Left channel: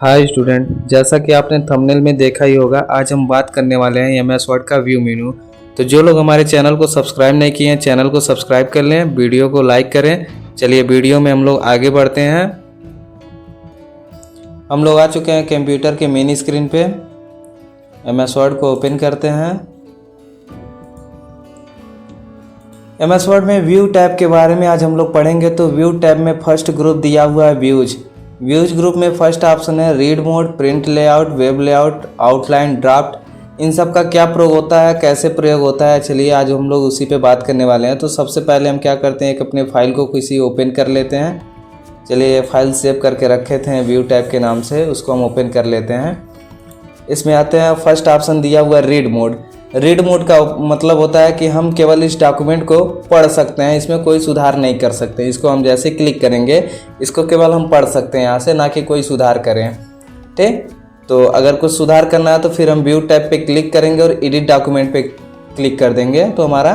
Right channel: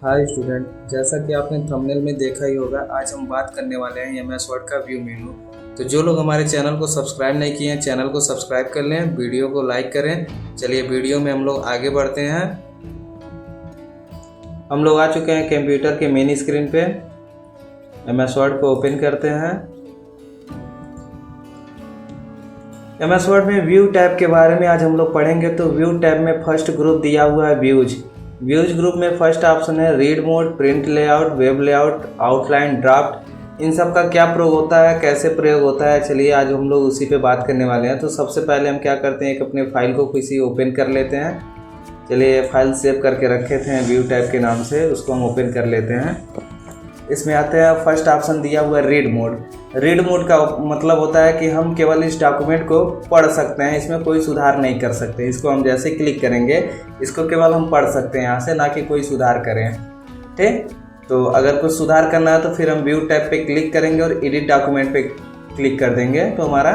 Hi student, जैसा कि आपने थंबनेल में देखा ही होगा, आज हम बात करने वाले हैं एमएस वर्ड का व्यू मेनू। तो जो लोग हमारे चैनल को सब्सक्राइब नहीं किए हैं, चैनल को सब्सक्राइब कर लें, वीडियो को लाइक करें। चलिए वीडियो में हम लोग आगे बढ़ते हैं। हम लोग आ चुके हैं कंप्यूटर के मेन स्क्रीन पे। एमएस वर्ड को ओपन करते हैं। एमएस वर्ड में व्यू टैब के बारे में आज हम लोग पढ़ेंगे। तो व्यू टैब में फर्स्ट ग्रुप दिया हुआ है व्यूज। व्यूज ग्रुप में फर्स्ट ऑप्शन है read mode, print layout, web layout, outline, draft. इन सब का क्या प्रयोग होता है, कैसे प्रयोग होता है, चलिए आज हम लोग उसी पे बात करने वाले हैं। तो सबसे पहले हम क्या करते हैं, एक अपने फाइल को किसी ओपन कर लेते हैं। चलिए फाइल सेव करके रखे थे व्यू टैब के नाम से, उसको हम ओपन कर लेते हैं। इसमें आते हैं, फर्स्ट ऑप्शन दिया हुआ है रीड मोड। रीड मोड का मतलब होता है कि हम केवल इस डॉक्यूमेंट को पढ़ सकते हैं, इसमें कोई सुधार नहीं कर सकते। इसको हम जैसे क्लिक करेंगे, इसको केवल हम पढ़ सकते हैं यहाँ से, ना कि कोई सुधार करें। ठीक, तो अगर कुछ सुधार करना है तो फिर हम व्यू टैब पे क्लिक करेंगे और एडिट डॉक्यूमेंट पे क्लिक कर देंगे, तो हमारा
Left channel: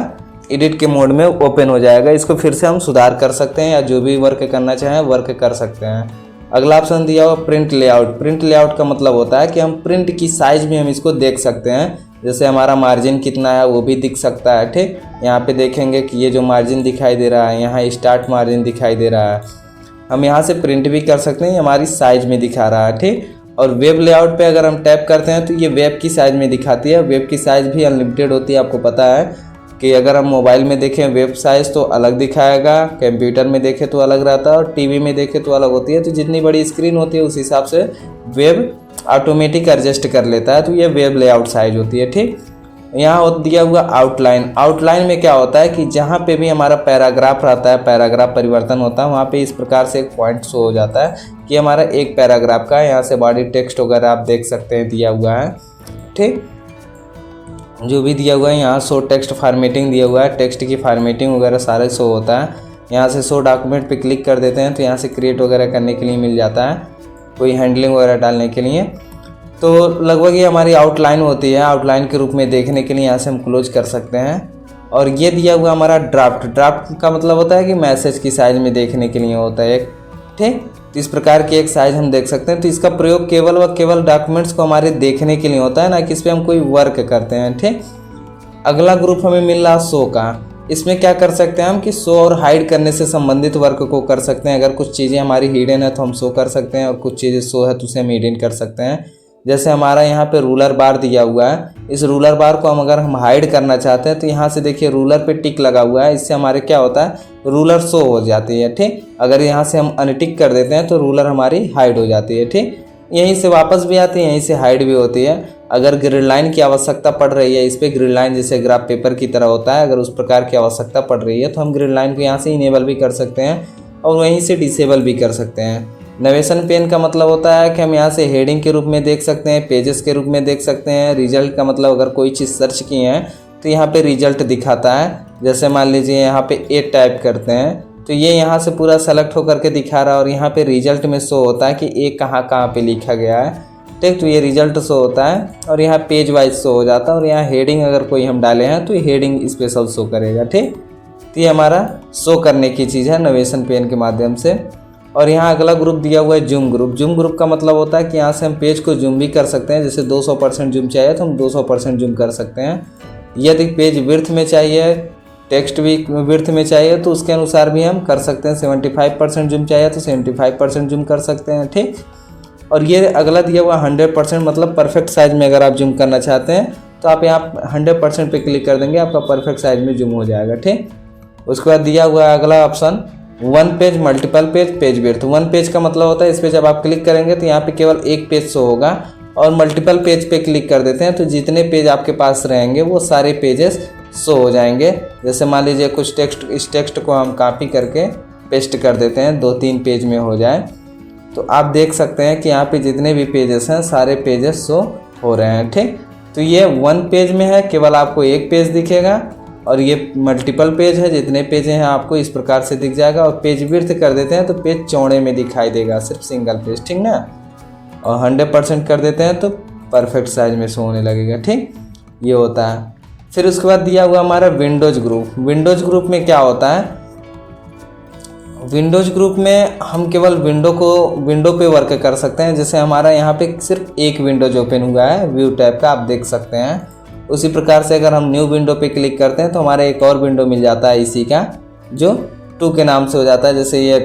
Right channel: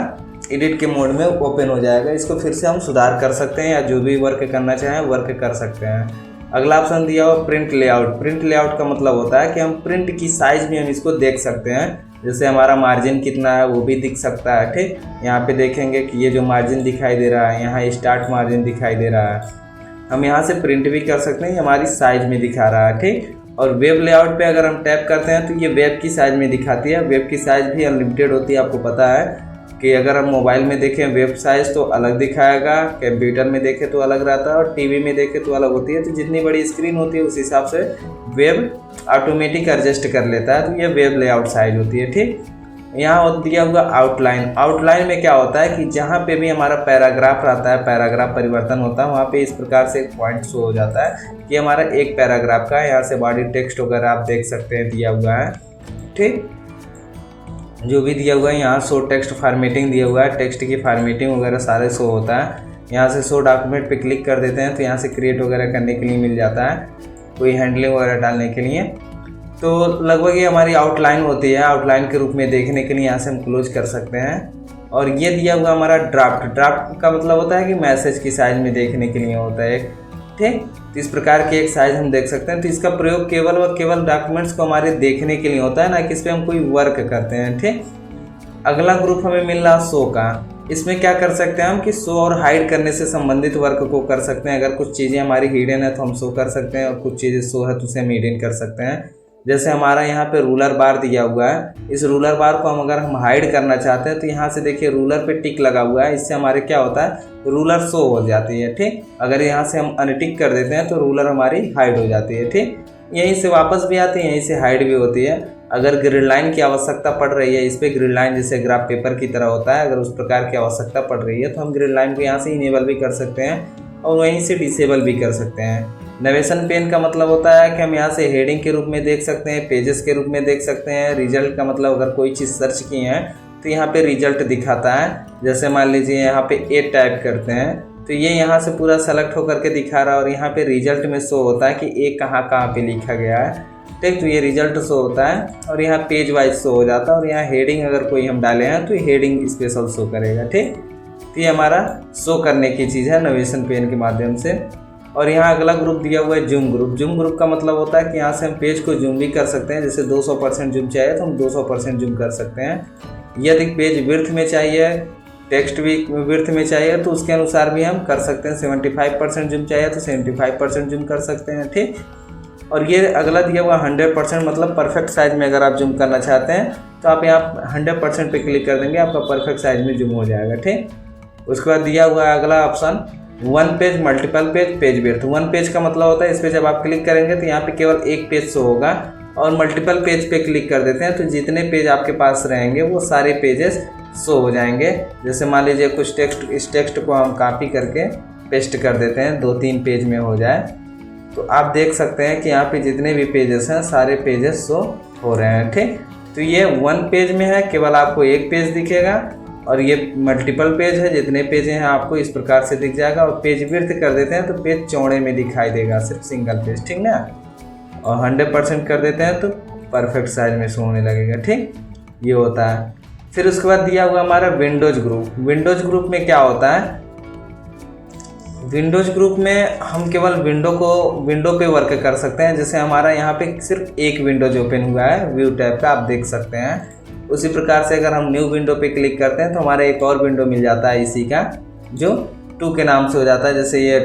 एडिट के मोड में ओपन हो जाएगा। इसको फिर से हम सुधार कर सकते हैं या जो भी वर्क करना चाहें वर्क कर सकते हैं। अगला ऑप्शन दिया हुआ प्रिंट लेआउट। प्रिंट लेआउट का मतलब होता है कि हम प्रिंट की साइज भी हम इसको देख सकते हैं, जैसे हमारा मार्जिन कितना है वो भी दिख सकता है। ठीक, यहाँ पे देखेंगे कि ये जो मार्जिन दिखाई दे रहा है, यहाँ स्टार्ट मार्जिन दिखाई दे रहा है, हम यहाँ से प्रिंट भी कर सकते हैं, हमारी साइज में दिखा रहा है। ठीक, और वेब लेआउट पे अगर हम टैप करते हैं तो ये वेब की साइज में दिखाती है। वेब की साइज भी अनलिमिटेड होती है, आपको पता है कि अगर हम मोबाइल में देखें वेब साइज़ तो अलग दिखाएगा, कंप्यूटर में देखें तो अलग रहता है और टीवी में देखें तो अलग होती है। तो जितनी बड़ी स्क्रीन होती है उस हिसाब से वेब ऑटोमेटिक एडजस्ट कर लेता है, तो ये वेब लेआउट साइज होती है। ठीक, यहाँ दिया हुआ आउटलाइन। आउटलाइन में क्या होता है कि जहाँ पे भी हमारा पैराग्राफ रहता है, पैराग्राफ परिवर्तन होता है, वहाँ पे इस प्रकार से एक पॉइंट शो हो जाता है कि हमारा एक पैराग्राफ का, यहाँ से बॉडी टेक्स्ट वगैरह आप देख सकते हैं दिया हुआ है। ठीक, जो भी दिया हुआ है, यहाँ शो टेक्स्ट फॉर्मेटिंग दिया हुआ है, टेक्स्ट की फॉर्मेटिंग वगैरह सारे शो होता है। यहाँ से शो डॉक्यूमेंट पे क्लिक कर देते हैं तो यहाँ से क्रिएट वगैरह करने के लिए मिल जाता है, कोई हैंडलिंग वगैरह डालने के लिए। तो लगभग ये हमारी आउटलाइन होती है, आउटलाइन के रूप में देखने के लिए यहाँ से हम क्लोज कर सकते हैं। और ये दिया हुआ हमारा ड्राफ्ट। ड्राफ्ट का मतलब होता है कि मैसेज की साइज में देखने के लिए होता है। ठीक, तो इस प्रकार की एक साइज हम देख सकते हैं। तो इसका प्रयोग केवल व केवल डॉक्यूमेंट्स को हमारे देखने के लिए होता है, ना कि इस पर हम कोई वर्क करते हैं। ठीक, अगला ग्रुप हमें मिल रहा शो का। इसमें क्या कर सकते हैं हम कि शो और हाइड करने से संबंधित वर्क को कर सकते हैं। अगर कुछ चीज़ें हमारी हिडन है तो हम शो कर सकते हैं, और कुछ चीज़ें शो है तो उसे हम हिडन कर सकते हैं। जैसे हमारा यहाँ पे रूलर बार दिया हुआ है, इस रूलर बार को हम अगर हम हाइड करना चाहते हैं तो यहाँ से देखिए रूलर पे टिक लगा हुआ है, इससे हमारे क्या होता है, रूलर शो हो जाती है। ठीक, अगर यहाँ से हम अनटिक कर देते हैं तो रूलर हमारी हाइड हो जाती है। ठीक, यहीं से वापस भी आती है, यहीं से हाइड भी होती है। अगर ग्रिड लाइन की आवश्यकता पड़ रही है, इस पर ग्रिड लाइन जैसे ग्राफ पेपर की तरह होता है, अगर उस प्रकार की आवश्यकता पड़ रही है तो हम ग्रिड लाइन को यहाँ से इनेबल भी कर सकते हैं और वहीं से डिसेबल भी कर सकते हैं। नेविगेशन पेन का मतलब होता है कि हम यहाँ से हेडिंग के रूप में देख सकते हैं, पेजेस के रूप में देख सकते हैं। रिजल्ट का मतलब अगर कोई चीज़ सर्च किए हैं तो यहाँ पे रिजल्ट दिखाता है। जैसे मान लीजिए यहाँ पे ए टाइप करते हैं तो ये यहाँ से पूरा सेलेक्ट होकर के दिखा रहा है, और यहाँ पे रिजल्ट में शो होता है कि ए कहाँ कहाँ पे लिखा गया है। ठीक, तो ये रिजल्ट शो होता है और यहाँ पेज वाइज शो हो जाता है, और यहाँ हेडिंग अगर कोई हम डाले हैं तो ये हेडिंग स्पेशल शो करेगा। ठीक, तो ये हमारा शो करने की चीज़ है नेविगेशन पेन के माध्यम से। और यहाँ अगला ग्रुप दिया हुआ है जूम ग्रुप। जूम ग्रुप का मतलब होता है कि यहाँ से हम पेज को जूम भी कर सकते हैं, जैसे 200% जूम चाहिए तो हम 200% जूम कर सकते हैं। यदि पेज विड्थ में चाहिए, टेक्स्ट भी विड्थ में चाहिए तो उसके अनुसार भी हम कर सकते हैं। 75% जूम चाहिए तो 75% जूम कर सकते हैं। ठीक, और ये अगला दिया हुआ 100% मतलब परफेक्ट साइज में अगर आप जूम करना चाहते हैं तो आप यहाँ 100% पे क्लिक कर देंगे, आपका परफेक्ट साइज में जूम हो जाएगा। ठीक, उसके बाद दिया हुआ है अगला option one page, multiple page, page width. One page का मतलब होता है इस पर जब आप क्लिक करेंगे तो यहाँ पे केवल एक पेज शो होगा, और मल्टीपल पेज पे क्लिक कर देते हैं तो जितने पेज आपके पास रहेंगे वो सारे पेजेस शो हो जाएंगे। जैसे मान लीजिए कुछ टेक्स्ट, इस टेक्स्ट को हम कॉपी करके पेस्ट कर देते हैं, 2-3 पेज में हो जाए, तो आप देख सकते हैं कि यहाँ पे जितने भी पेजेस हैं सारे पेजेस शो हो रहे हैं। ठीक, तो ये वन पेज में है, केवल आपको एक पेज दिखेगा, और ये मल्टीपल पेज है, जितने पेज हैं आपको इस प्रकार से दिख जाएगा। और पेज विड्थ कर देते हैं तो पेज चौड़े में दिखाई देगा, सिर्फ सिंगल पेज। ठीक ना, और 100% कर देते हैं तो परफेक्ट साइज में शो होने लगेगा। ठीक, ये होता है। फिर उसके बाद दिया हुआ हमारा विंडोज ग्रुप। विंडोज ग्रुप में क्या होता है, विंडोज ग्रुप में हम केवल विंडो पे वर्क कर सकते हैं। जैसे हमारा यहाँ पे सिर्फ एक विंडोज ओपन हुआ है व्यू टैब का, आप देख सकते हैं। उसी प्रकार से अगर हम न्यू विंडो पे क्लिक करते हैं तो हमारा एक और विंडो मिल जाता है इसी का, जो 2 के नाम से हो जाता है। जैसे ये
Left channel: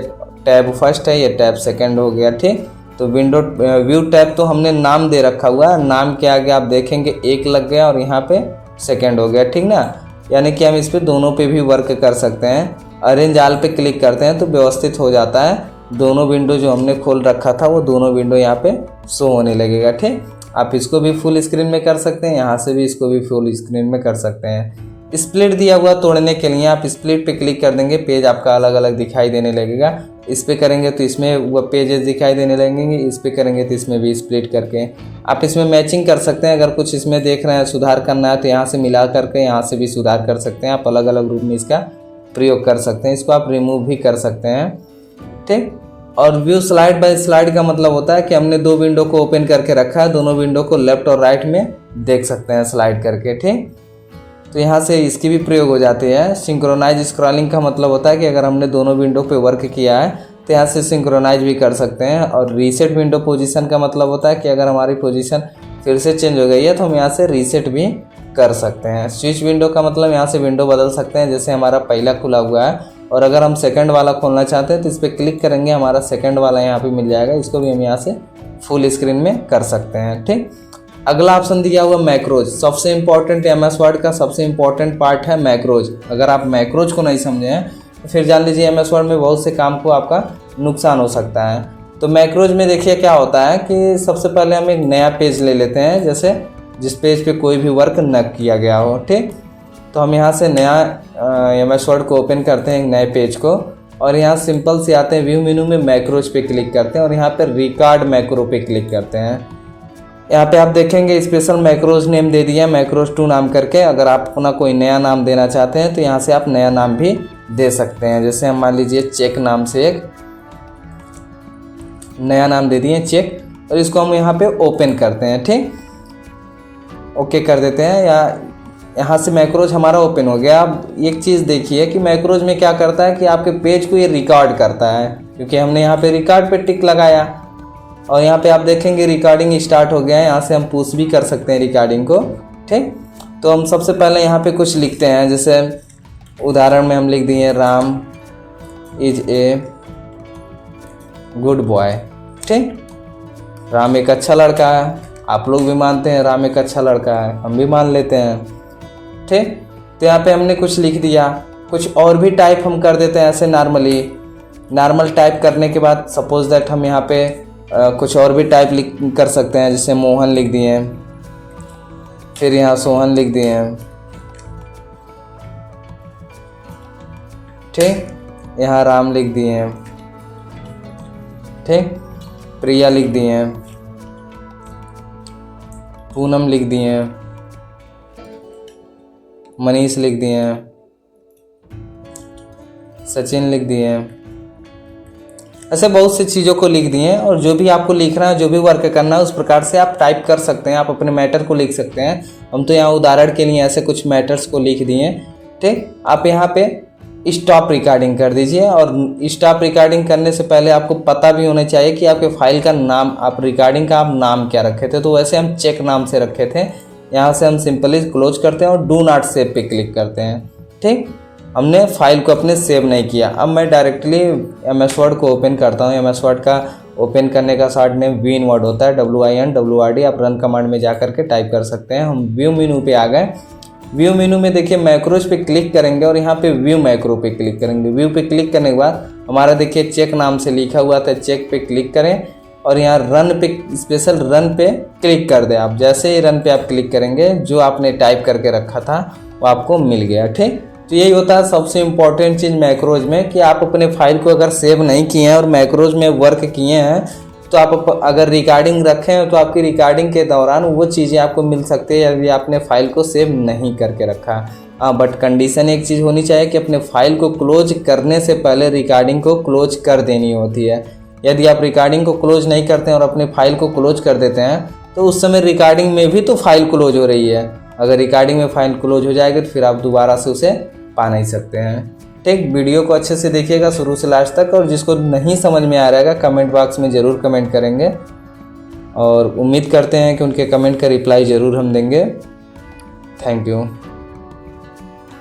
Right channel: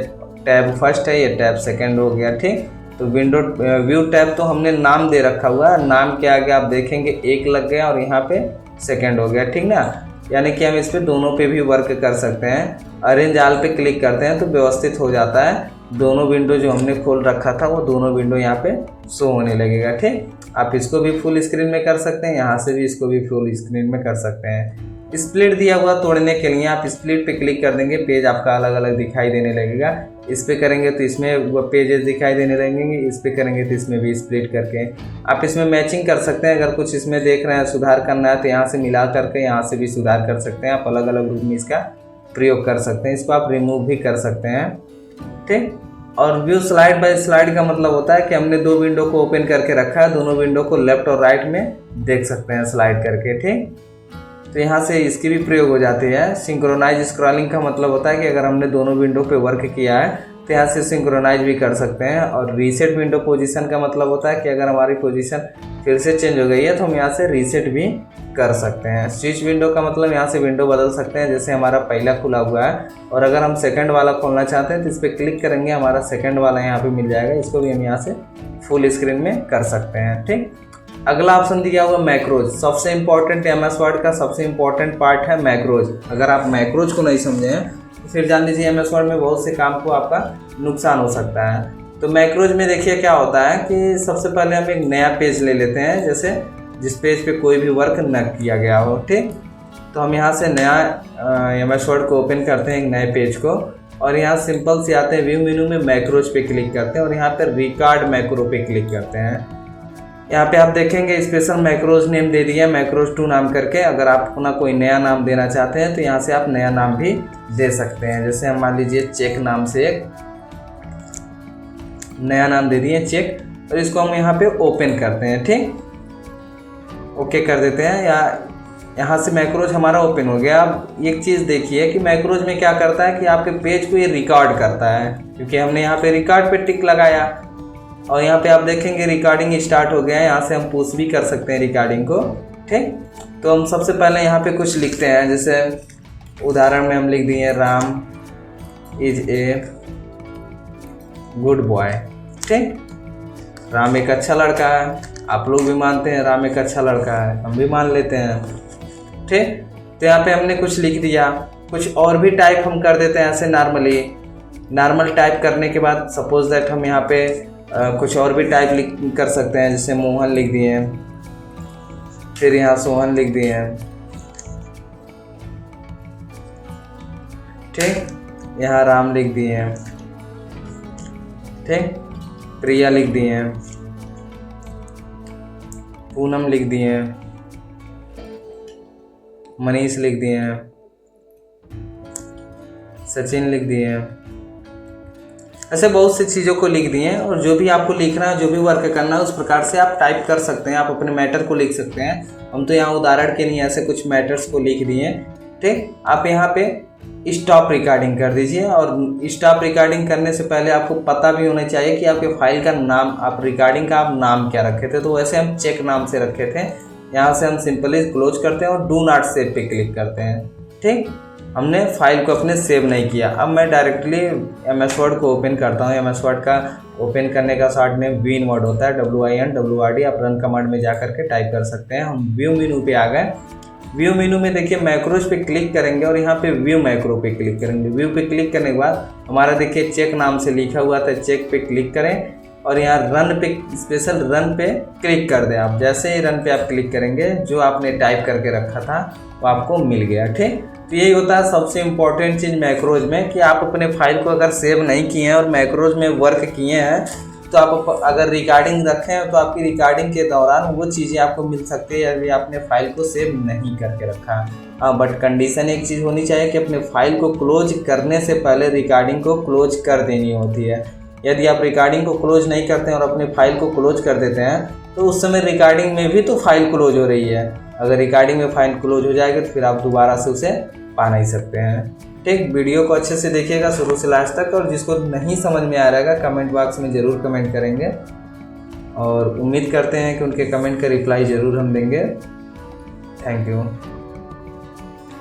टैब फर्स्ट है, ये टैब सेकंड हो गया, ठीक। तो व्यू टैब तो हमने नाम दे रखा हुआ है, नाम के आगे आप देखेंगे 1 लग गया और यहाँ पे सेकंड हो गया, ठीक ना। यानी कि हम इस पे दोनों पे भी वर्क कर सकते हैं। अरेंज ऑल पे क्लिक करते हैं तो व्यवस्थित हो जाता है, दोनों विंडो जो हमने खोल रखा था वो दोनों विंडो यहाँ पे शो होने लगेगा, ठीक। आप इसको भी फुल स्क्रीन में कर सकते हैं, यहाँ से भी इसको भी फुल स्क्रीन में कर सकते हैं। स्प्लिट दिया हुआ तोड़ने के लिए आप स्प्लिट पे क्लिक कर देंगे, पेज आपका अलग अलग दिखाई देने लगेगा। इस पे करेंगे तो इसमें वो पेजेस दिखाई देने लगेंगे, इस पे करेंगे तो इसमें भी स्प्लिट करके आप इसमें मैचिंग कर सकते हैं। अगर कुछ इसमें देख रहे हैं सुधार करना है तो यहाँ से मिला करके यहाँ से भी सुधार कर सकते हैं। आप अलग अलग रूप में इसका प्रयोग कर सकते हैं। इसको आप रिमूव भी कर सकते हैं, ठीक। और व्यू स्लाइड बाय स्लाइड का मतलब होता है कि हमने 2 विंडो को ओपन करके रखा है, दोनों विंडो को लेफ्ट और राइट में देख सकते हैं स्लाइड करके, ठीक। तो यहाँ से इसकी भी प्रयोग हो जाती है। सिंक्रोनाइज स्क्रॉलिंग का मतलब होता है कि अगर हमने दोनों विंडो पे वर्क किया है तो यहाँ से सिंक्रोनाइज भी कर सकते हैं। और रीसेट विंडो पोजीशन का मतलब होता है कि अगर हमारी पोजीशन फिर से चेंज हो गई है तो हम यहाँ से रीसेट भी कर सकते हैं। स्विच विंडो का मतलब यहाँ से विंडो बदल सकते हैं, जैसे हमारा पहला खुला हुआ है और अगर हम सेकंड वाला खोलना चाहते हैं तो इस पर क्लिक करेंगे, हमारा सेकंड वाला यहाँ पे मिल जाएगा। इसको भी हम यहाँ से फुल स्क्रीन में कर सकते हैं, ठीक। अगला ऑप्शन दिया हुआ मैक्रोज। सबसे इम्पोर्टेंट एमएस वर्ड का सबसे इम्पोर्टेंट पार्ट है मैक्रोज। अगर आप मैक्रोज को नहीं समझे हैं तो फिर जान लीजिए एमएस वर्ड में बहुत से काम को आपका नुकसान हो सकता है। तो मैक्रोज में देखिए क्या होता है कि सबसे पहले हम एक नया पेज ले लेते हैं, जैसे जिस पेज पे कोई भी वर्क न किया गया हो, ठीक। तो हम यहाँ से नया एमएस वर्ड को ओपन करते हैं, एक नए पेज को, और यहाँ सिंपल से आते हैं व्यू मेनू में मैक्रोज पे क्लिक करते हैं और यहाँ पे रिकॉर्ड मैक्रो पे क्लिक करते हैं। यहाँ पे आप देखेंगे स्पेशल मैक्रोज नेम दे दिया, मैक्रोज 2 नाम करके। अगर आप अपना कोई नया नाम देना चाहते हैं तो यहाँ से आप नया नाम भी दे सकते हैं। जैसे हम मान लीजिए चेक नाम से एक नया नाम दे दिए चेक, और इसको हम यहाँ पे ओपन करते हैं, ठीक। ओके कर देते हैं। यहाँ से मैक्रोज हमारा ओपन हो गया। अब एक चीज़ देखिए कि मैक्रोज में क्या करता है कि आपके पेज को ये रिकॉर्ड करता है, क्योंकि हमने यहाँ पे रिकॉर्ड पे टिक लगाया और यहाँ पे आप देखेंगे रिकॉर्डिंग स्टार्ट हो गया है। यहाँ से हम पुश भी कर सकते हैं रिकॉर्डिंग को, ठीक। तो हम सबसे पहले यहाँ पे कुछ लिखते हैं, जैसे उदाहरण में हम लिख दिए Ram is a good boy, ठीक। राम एक अच्छा लड़का है, आप लोग भी मानते हैं राम एक अच्छा लड़का है, हम भी मान लेते हैं, ठीक। तो यहाँ पे हमने कुछ लिख दिया। कुछ और भी टाइप हम कर देते हैं ऐसे नॉर्मल टाइप करने के बाद सपोज दैट हम यहाँ पे कुछ और भी टाइप कर सकते हैं, जैसे मोहन लिख दिए, फिर यहाँ सोहन लिख दिए, ठीक। यहाँ राम लिख दिए, ठीक। प्रिया लिख दिए, पूनम लिख दिए, मनीष लिख दिए, सचिन लिख दिए। ऐसे बहुत सी चीज़ों को लिख दिए। और जो भी आपको लिखना है, जो भी वर्क करना है, उस प्रकार से आप टाइप कर सकते हैं। आप अपने मैटर को लिख सकते हैं। हम तो यहाँ उदाहरण के लिए ऐसे कुछ मैटर्स को लिख दिए, ठीक। आप यहाँ पे स्टॉप रिकॉर्डिंग कर दीजिए। और स्टॉप रिकॉर्डिंग करने से पहले आपको पता भी होना चाहिए कि आपके फाइल का नाम, आप रिकॉर्डिंग का आप नाम क्या रखे थे। तो वैसे हम चेक नाम से रखे थे। यहाँ से हम सिंपली क्लोज करते हैं और डू नॉट सेव पे क्लिक करते हैं, ठीक। हमने फाइल को अपने सेव नहीं किया। अब मैं डायरेक्टली एमएस वर्ड को ओपन करता हूँ। एमएस वर्ड का ओपन करने का शॉर्ट नेम विन वर्ड होता है, WINWRD। आप रन कमांड में जा करके टाइप कर सकते हैं। हम व्यू मेनू पे आ गए। व्यू मेनू में देखिए मैक्रोज पे क्लिक करेंगे और यहाँ पे व्यू मैक्रो पे क्लिक करेंगे। व्यू पे क्लिक करने के बाद हमारा देखिए चेक नाम से लिखा हुआ था, चेक पे क्लिक करें और यहाँ रन पे, स्पेशल रन पे क्लिक कर दें। आप जैसे ही रन पे आप क्लिक करेंगे, जो आपने टाइप करके रखा था वो आपको मिल गया, ठीक। तो यही होता है सबसे इम्पोर्टेंट चीज़ मैक्रोज में, कि आप अपने फाइल को अगर सेव नहीं किए हैं और मैक्रोज में वर्क किए हैं तो आप अगर रिकॉर्डिंग रखे हैं तो आपकी रिकॉर्डिंग के दौरान वो चीज़ें आपको मिल सकती है, यदि आपने फाइल को सेव नहीं करके रखा। हाँ, बट कंडीशन एक चीज़ होनी चाहिए कि अपने फाइल को क्लोज करने से पहले रिकॉर्डिंग को क्लोज कर देनी होती है। यदि आप रिकॉर्डिंग को क्लोज नहीं करते हैं और अपने फाइल को क्लोज कर देते हैं तो उस समय रिकॉर्डिंग में भी तो फाइल क्लोज हो रही है। अगर रिकॉर्डिंग में फाइल क्लोज हो जाएगी तो फिर आप दोबारा से उसे पा नहीं सकते हैं। ठीक, वीडियो को अच्छे से देखिएगा शुरू से लास्ट तक, और जिसको नहीं समझ में आ रहेगा कमेंट बॉक्स में ज़रूर कमेंट करेंगे, और उम्मीद करते हैं कि उनके कमेंट का रिप्लाई ज़रूर हम देंगे। Thank you.